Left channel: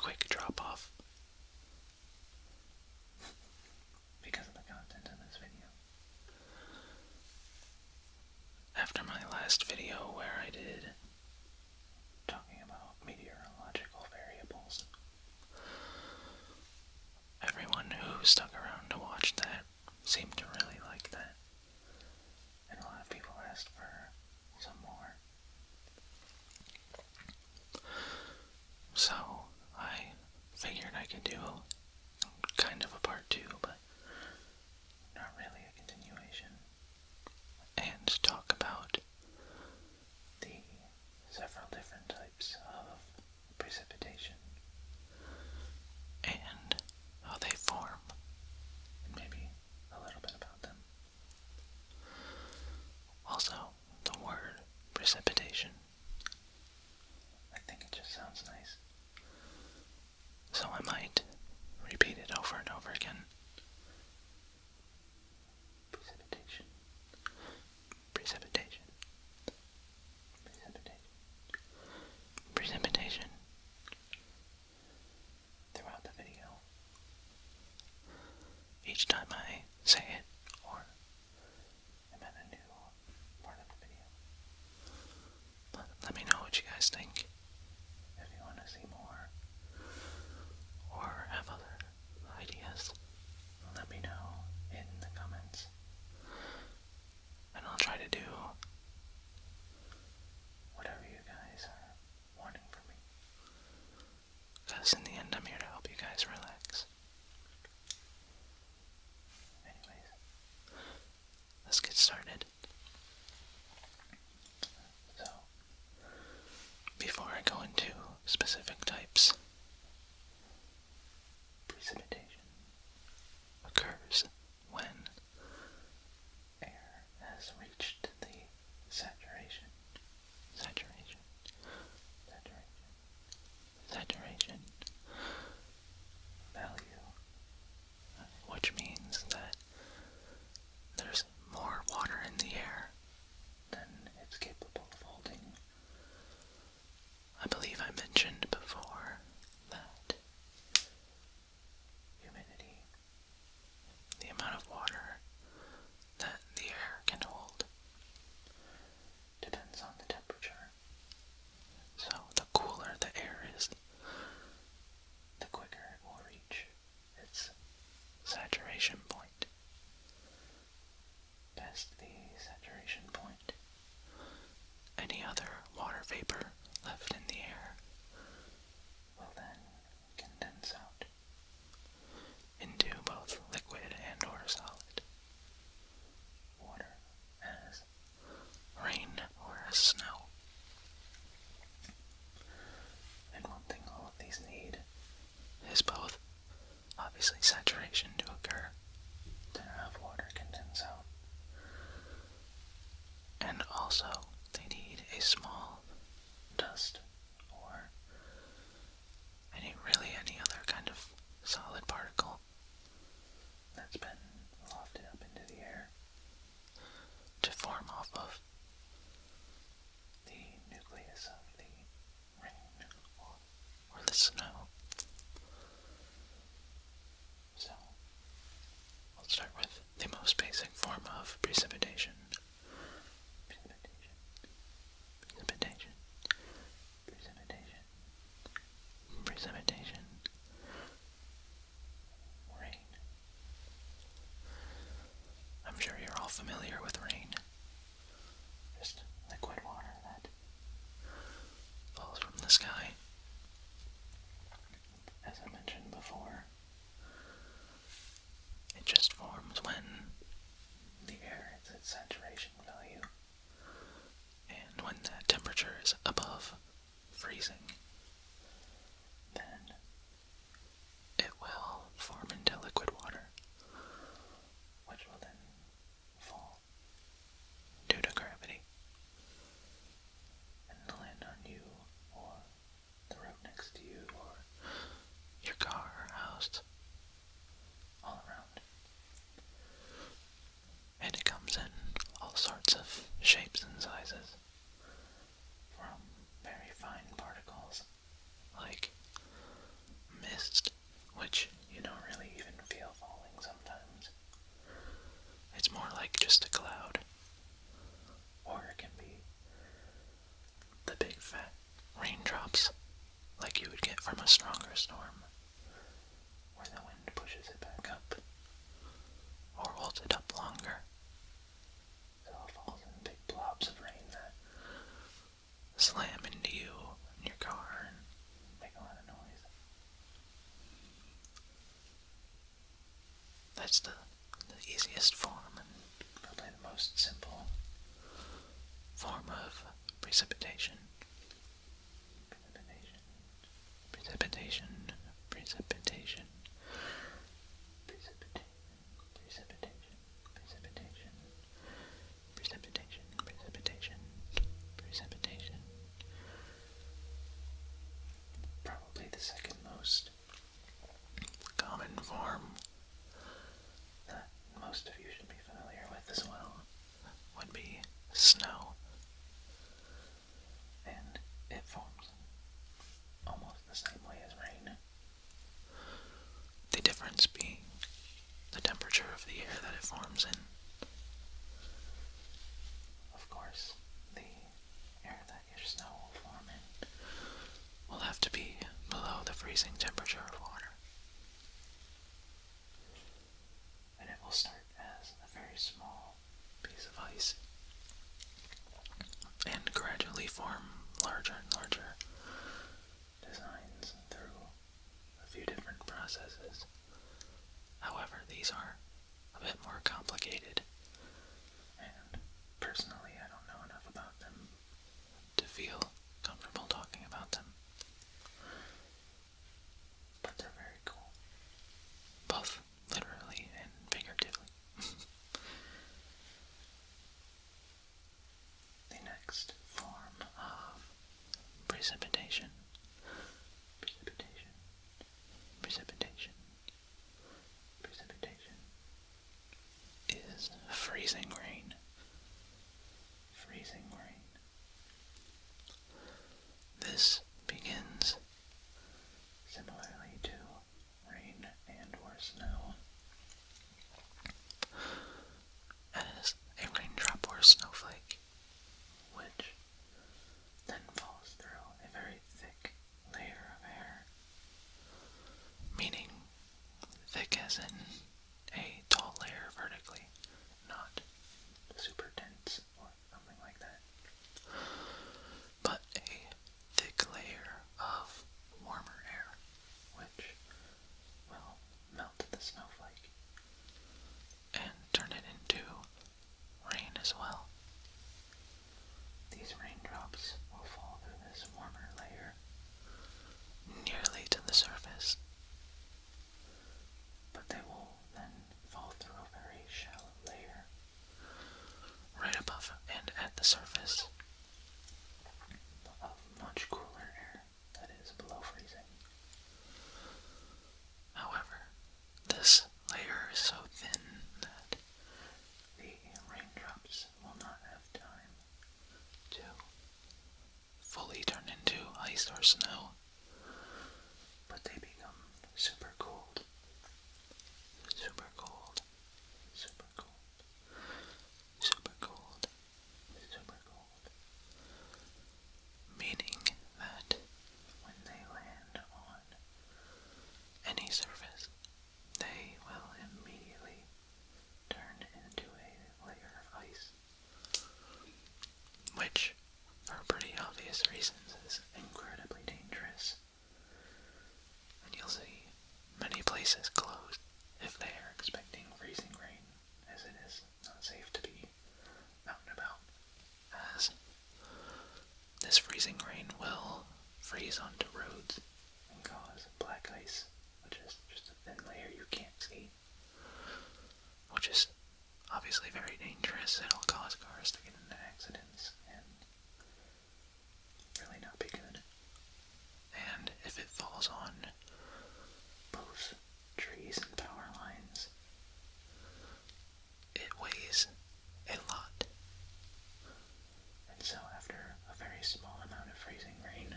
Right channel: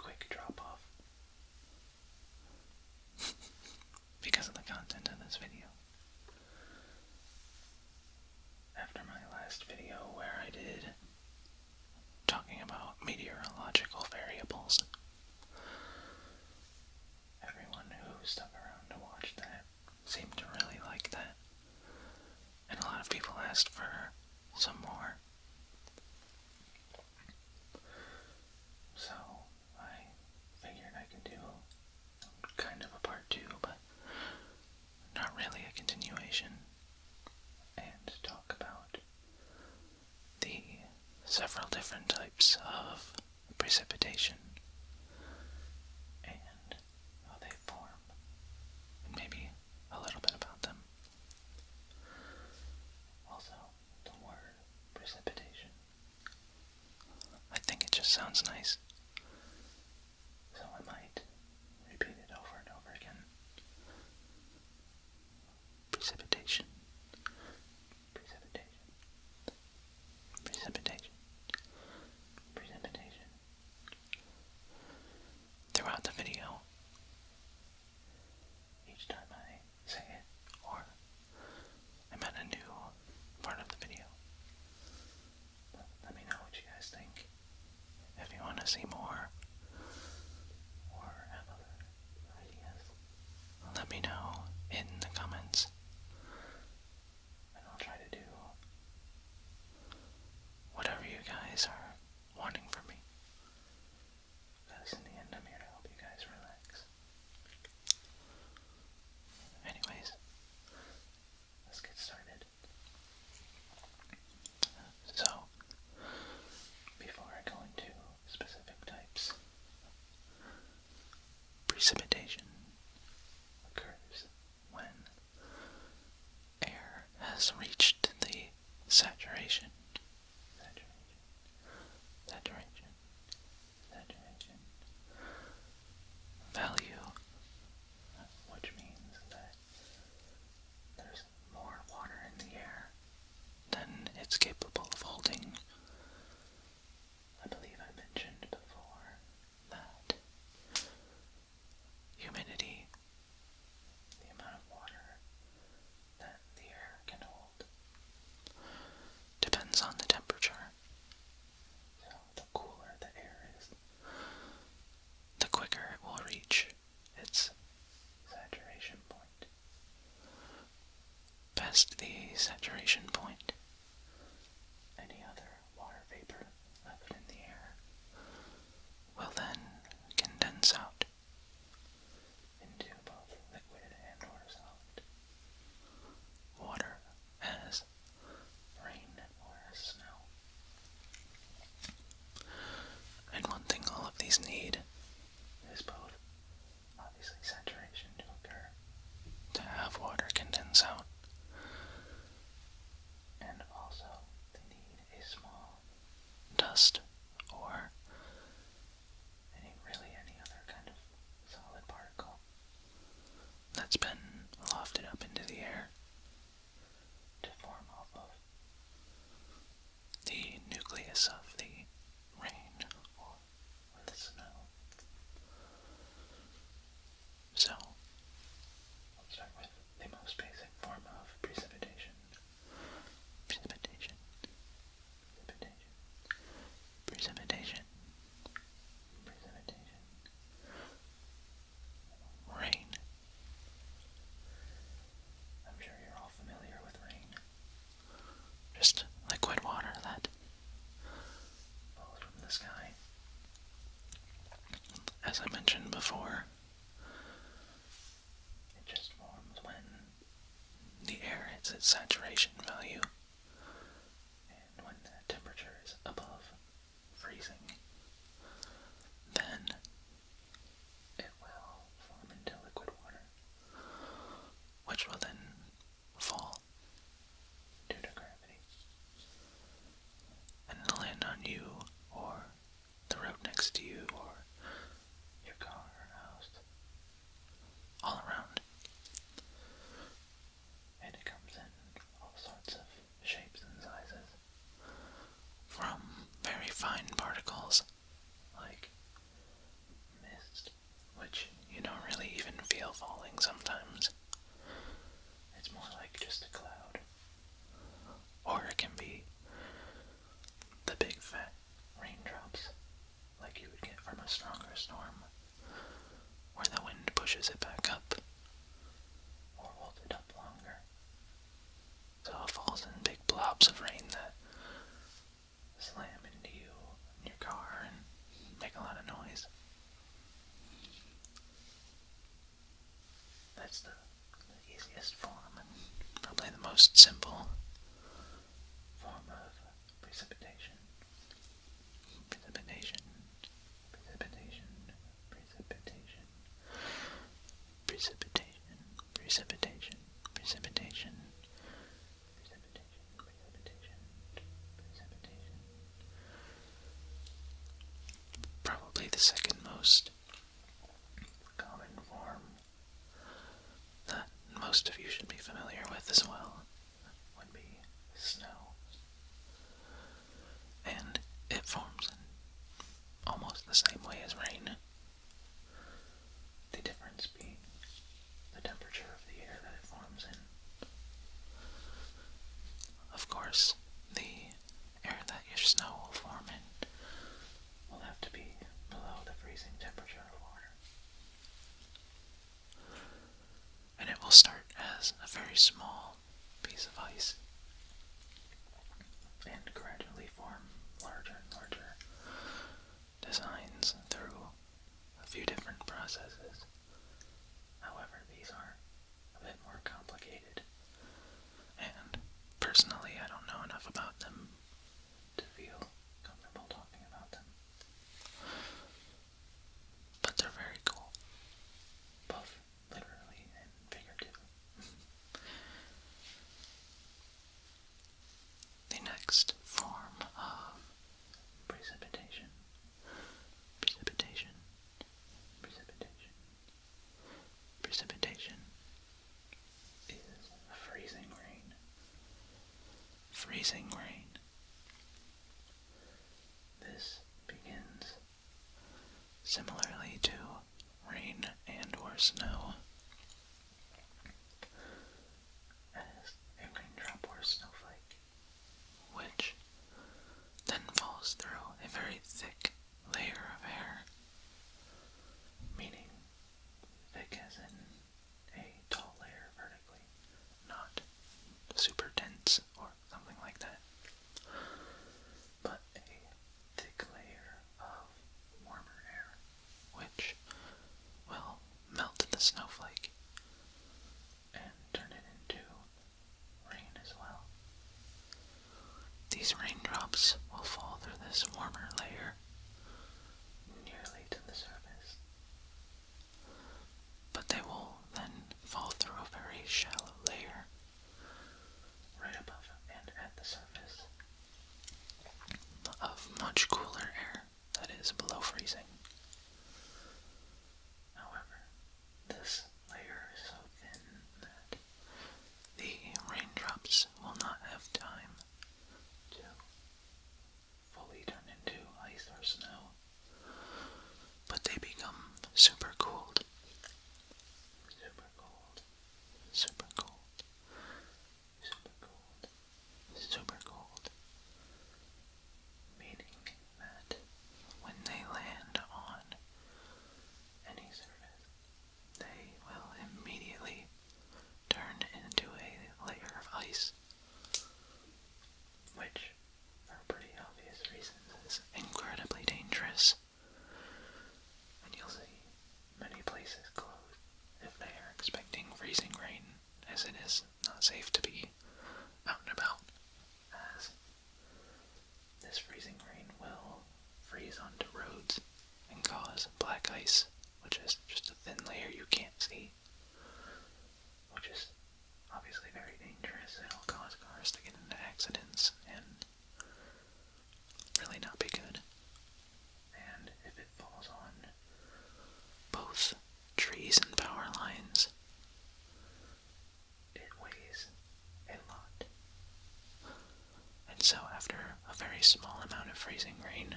quick drop-off because of the content of this video. After my last video where I did talking about meteorological variables, everyone who stuck around to watch that seemed to really like that, and a lot of people asked for some more. So I figured I could do kind of a part 2, but not really a continuation, and talk about the several different types of precipitation and how they form, and maybe a little bit about them. Also, the word precipitation. I think it just sounds nice, so I might repeat it over and over again. Precipitation. Precipitation. Precipitation. Precipitation. Throughout the video. Each time I say it, or I'm at a new part of the video. But let me know what you guys think. If you want to see more, or have other ideas, let me know in the comments, and I'll try to do whatever you guys are wanting from me, because in the end I'm here to help you guys relax. Anyways, let's get started. So, before I go into specific types, precipitation occurs when air has reached the saturation value, which means that there's more water in the air than it's capable of holding. I believe I mentioned before that humidity, the amount of water that the air can hold, depends on the temperature. So the cooler the air is, the quicker it will reach its saturation point. Past the saturation point, any other water vapor left in the air will then condense out into both liquid and or solid water, as rain or as snow. And one thing all of these need is both, obviously, saturation to occur, to have water condense out, and also they need a small dust or any other kind of solid particle that's been lofted up into the air to form off of the nucleus of the rain or the snow. thunderstorm, where the wind pushes it back up, or holds it up longer, so it falls in big blobs of rain that slam into you in your car and make a lot of noise. That's the easiest form and probably the most simple form of precipitation. Precipitation, precipitation, precipitation, precipitation, precipitation, precipitation, precipitation, precipitation, precipitation. Probably the second most common form that most of you should be familiar with as well would be snow. And it forms in almost the same way as rain. The difference being the temperature of the air that it forms in. Of course, the air that your snow will form in will have to be below the freezing temperature of water. And it will start as a very small piece of ice and gradually form larger and larger designs through a few different processes. However, these are a bit more complicated, and personally I don't know enough about them to feel comfortable talking about them. But they're very cool, both literally and figuratively. The next form of precipitation, precipitation, precipitation, precipitation is freezing rain. Freezing rain. This begins similarly to rain and or snow as a raindrop or snowflake, which then falls through a very thick layer of air, meaning thick as in a tall layer vertically, not super dense or something like that, but a thick layer of warmer air, which will melt the snowflake and turn it into rain as well. These raindrops will fall through this warmer layer nearly to the surface, but they will then fall through a very shallow layer right above and at the surface of much cooler air that is below freezing. However, this layer is so thin that the raindrops will not have time to fully turn into ice or snow, but they become super cooled, super cooled, super cooled, super cooled, super cooled, meaning that when they land on any surface, they will immediately turn into a layer of ice, which, for pretty obvious reasons, is incredibly dangerous. And you'll see many places closed if they are expecting freezing rain, as it is not safe to be out and about, as this freezing rain will freeze onto roads and cause black ice, which is just a thin layer you can't see, which is obviously very dangerous. It'll cause cars to get into accidents and really not be good. And if it falls on both trees and power lines, it weighs a lot. And so after a very small amount of freezing rain,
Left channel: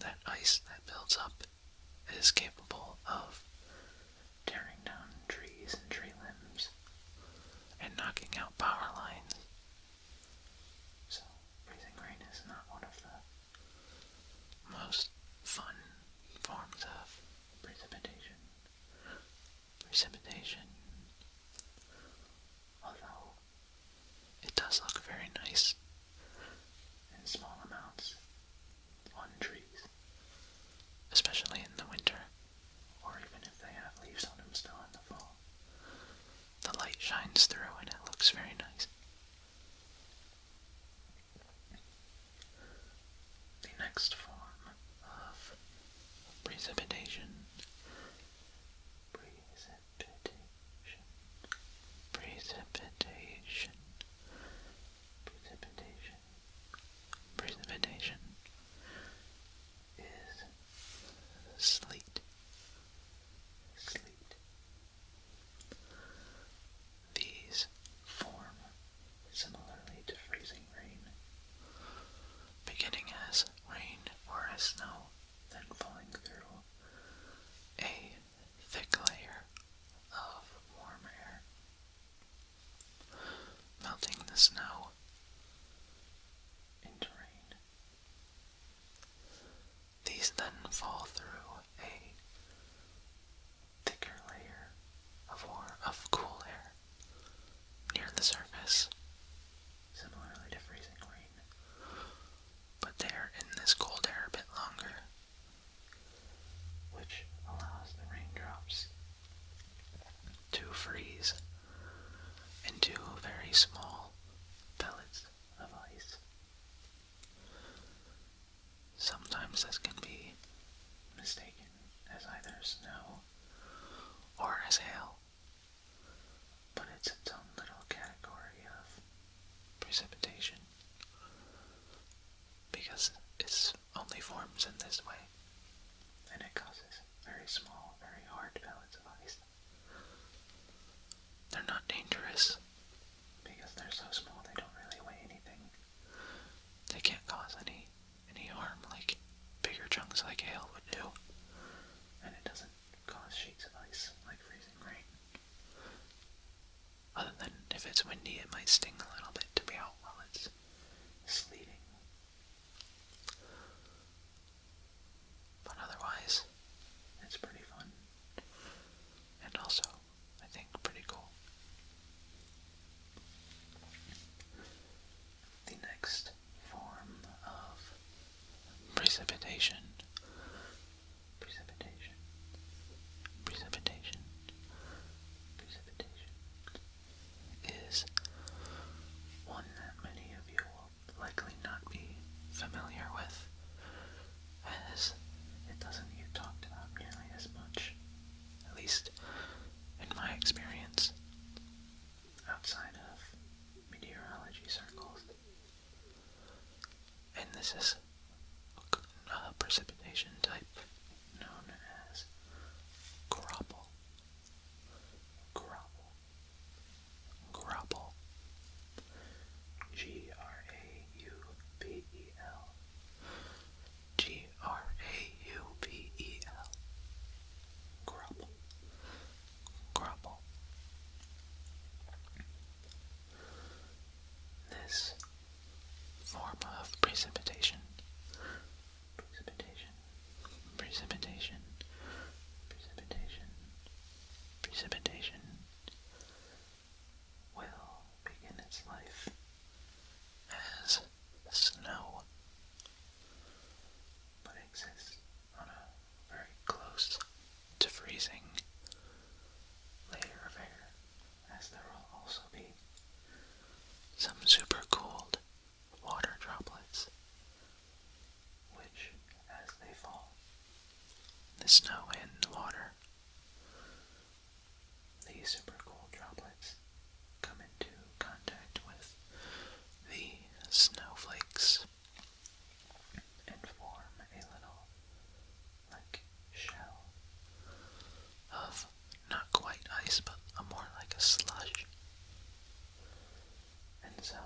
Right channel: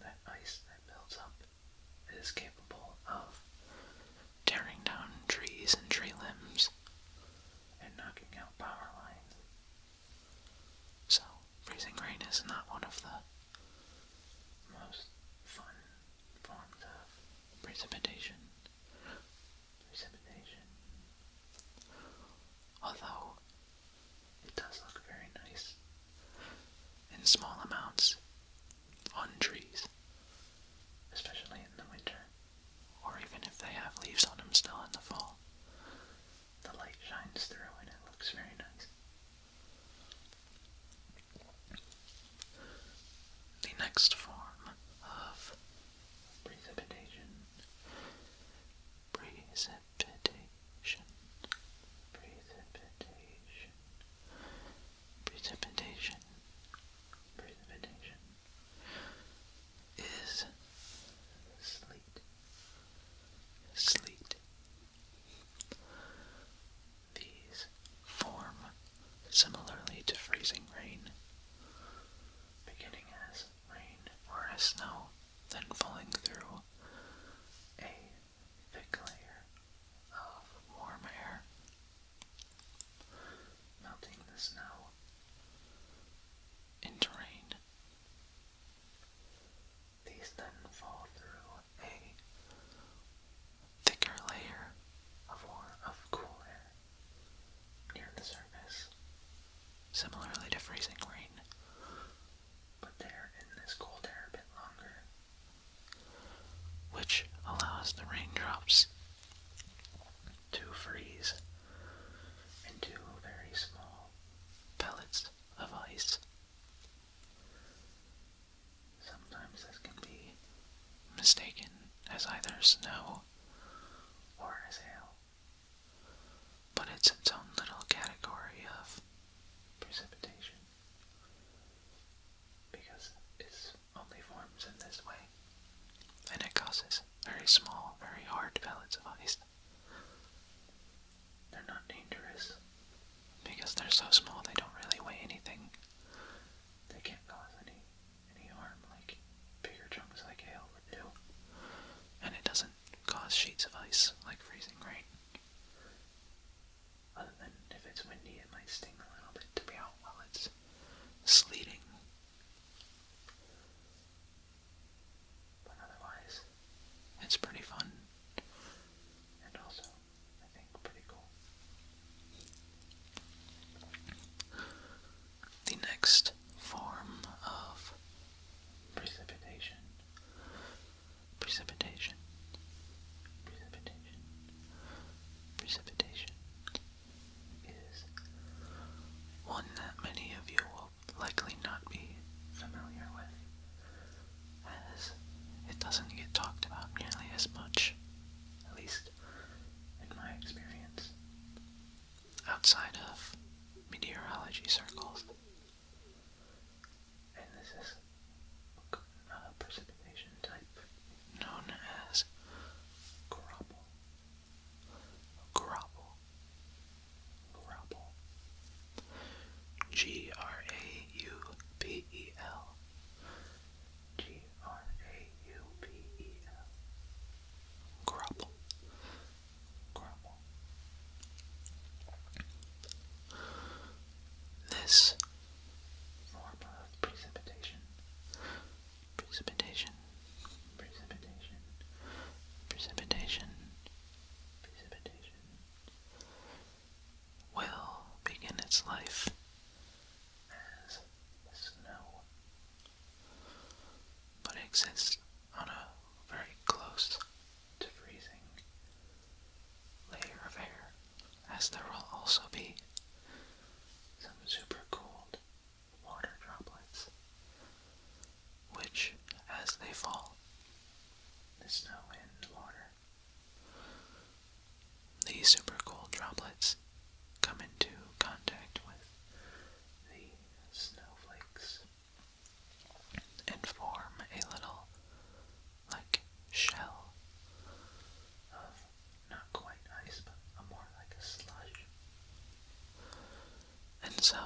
that ice that builds up is capable of tearing down trees and tree limbs and knocking out power lines. So freezing rain is not one of the most fun causes very small, very hard pellets of ice. They're not dangerous because they're so small they don't really weigh anything. They can't cause any harm like bigger chunks like hail would do. And it doesn't cause sheets of ice like freezing rain. Other than if it's windy, it might sting a little bit to be out while it's sleeting. But otherwise, it's pretty fun. And also, I think, pretty cool. The next form of precipitation is one that many of you will likely not be familiar with, as it doesn't get talked about nearly as much, at least in my experience, outside of meteorology circles. And this is a precipitation type known as graupel. Graupel. Graupel. Graupel. This form of precipitation will begin its life as snow, but exists on a very close to freezing layer of air, as there will also be some super cooled water droplets, which, as they fall, the snow and the water, these super cooled droplets come into contact with the snowflakes and form a little, like, shell of not quite ice, but more like a slush. And so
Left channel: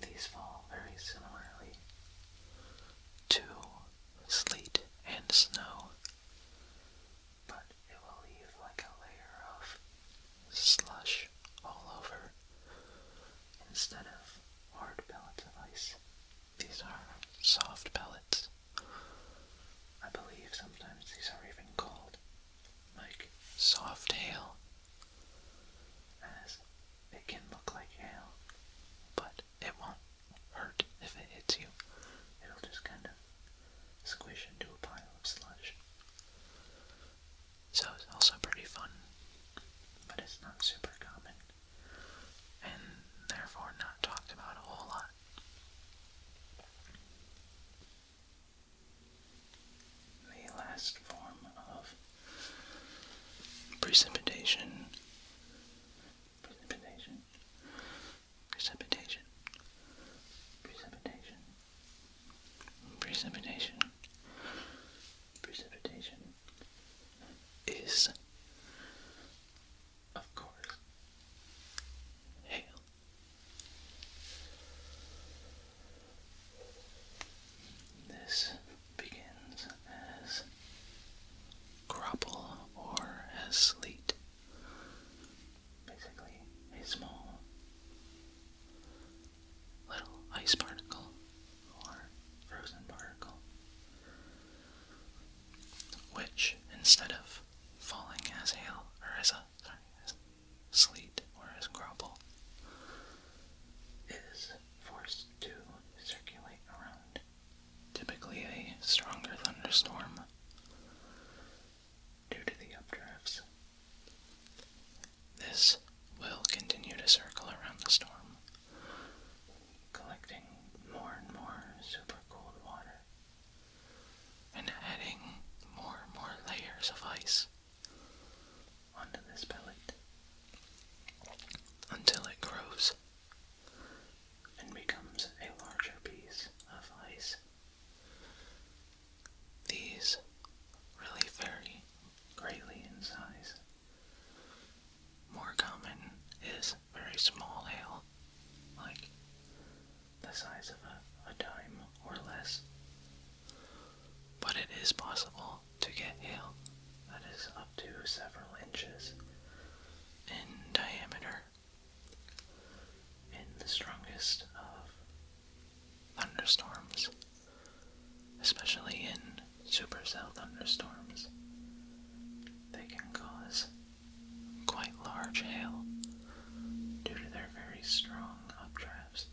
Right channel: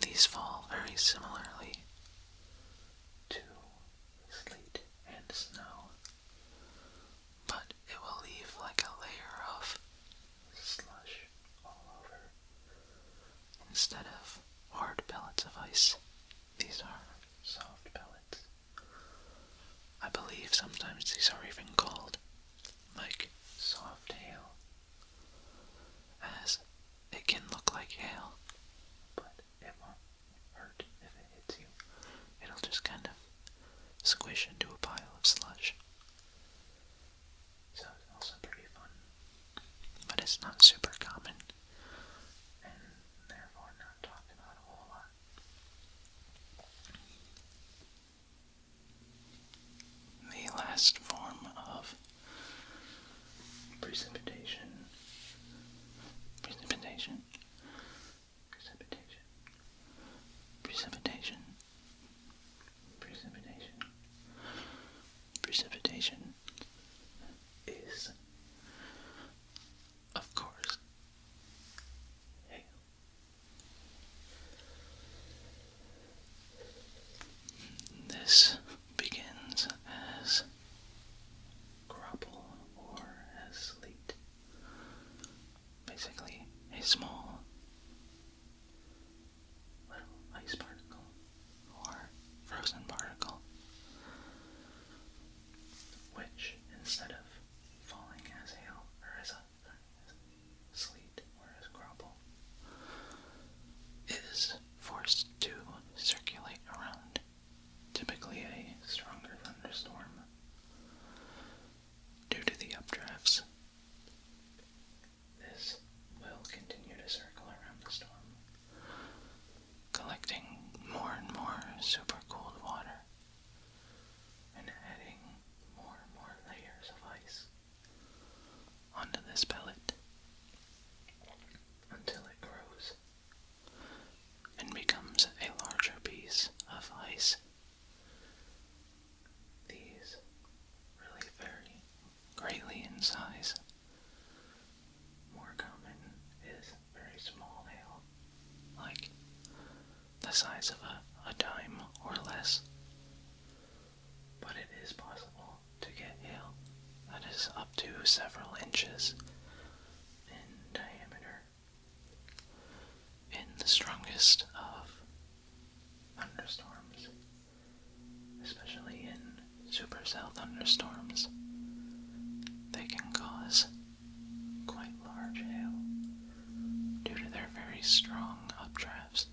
these fall very similarly to sleet and snow, but it will leave like a layer of slush all over. Instead of hard pellets of ice, these are soft pellets. I believe sometimes these are even called like soft hail, as it can look like hail, but it won't hurt if it hits you. It'll just kind of squish into a pile of slush. So it's also pretty fun, but it's not super common, and therefore not talked about a whole lot. The last form of precipitation is, of course, hail. This begins as graupel or as sleet, supercell thunderstorms. They can cause quite large hail due to their very strong updrafts.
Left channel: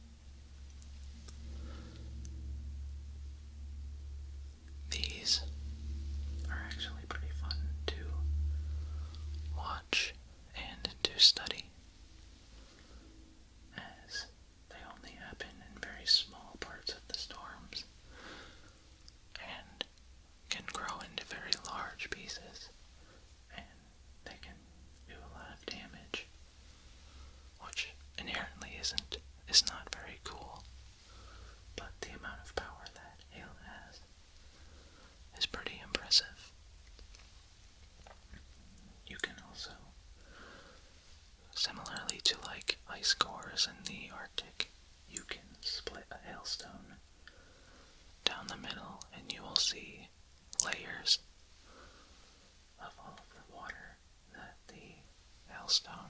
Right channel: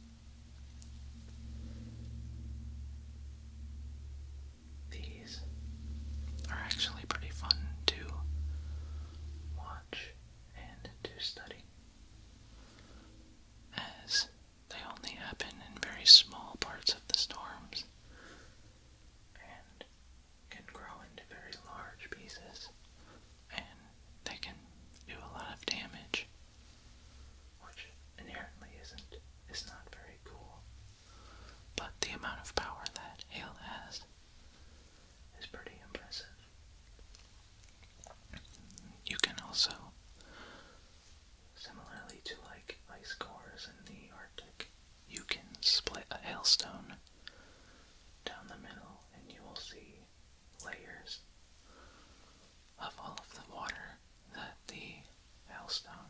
These are actually pretty fun to watch and to study, as they only happen in very small parts of the storms and can grow into very large pieces, and they can do a lot of damage, which inherently is not very cool, but the amount of power that hail has is pretty impressive. You can also, similarly to like ice cores in the Arctic, you can split a hailstone down the middle and you will see layers of all of the water that the hailstone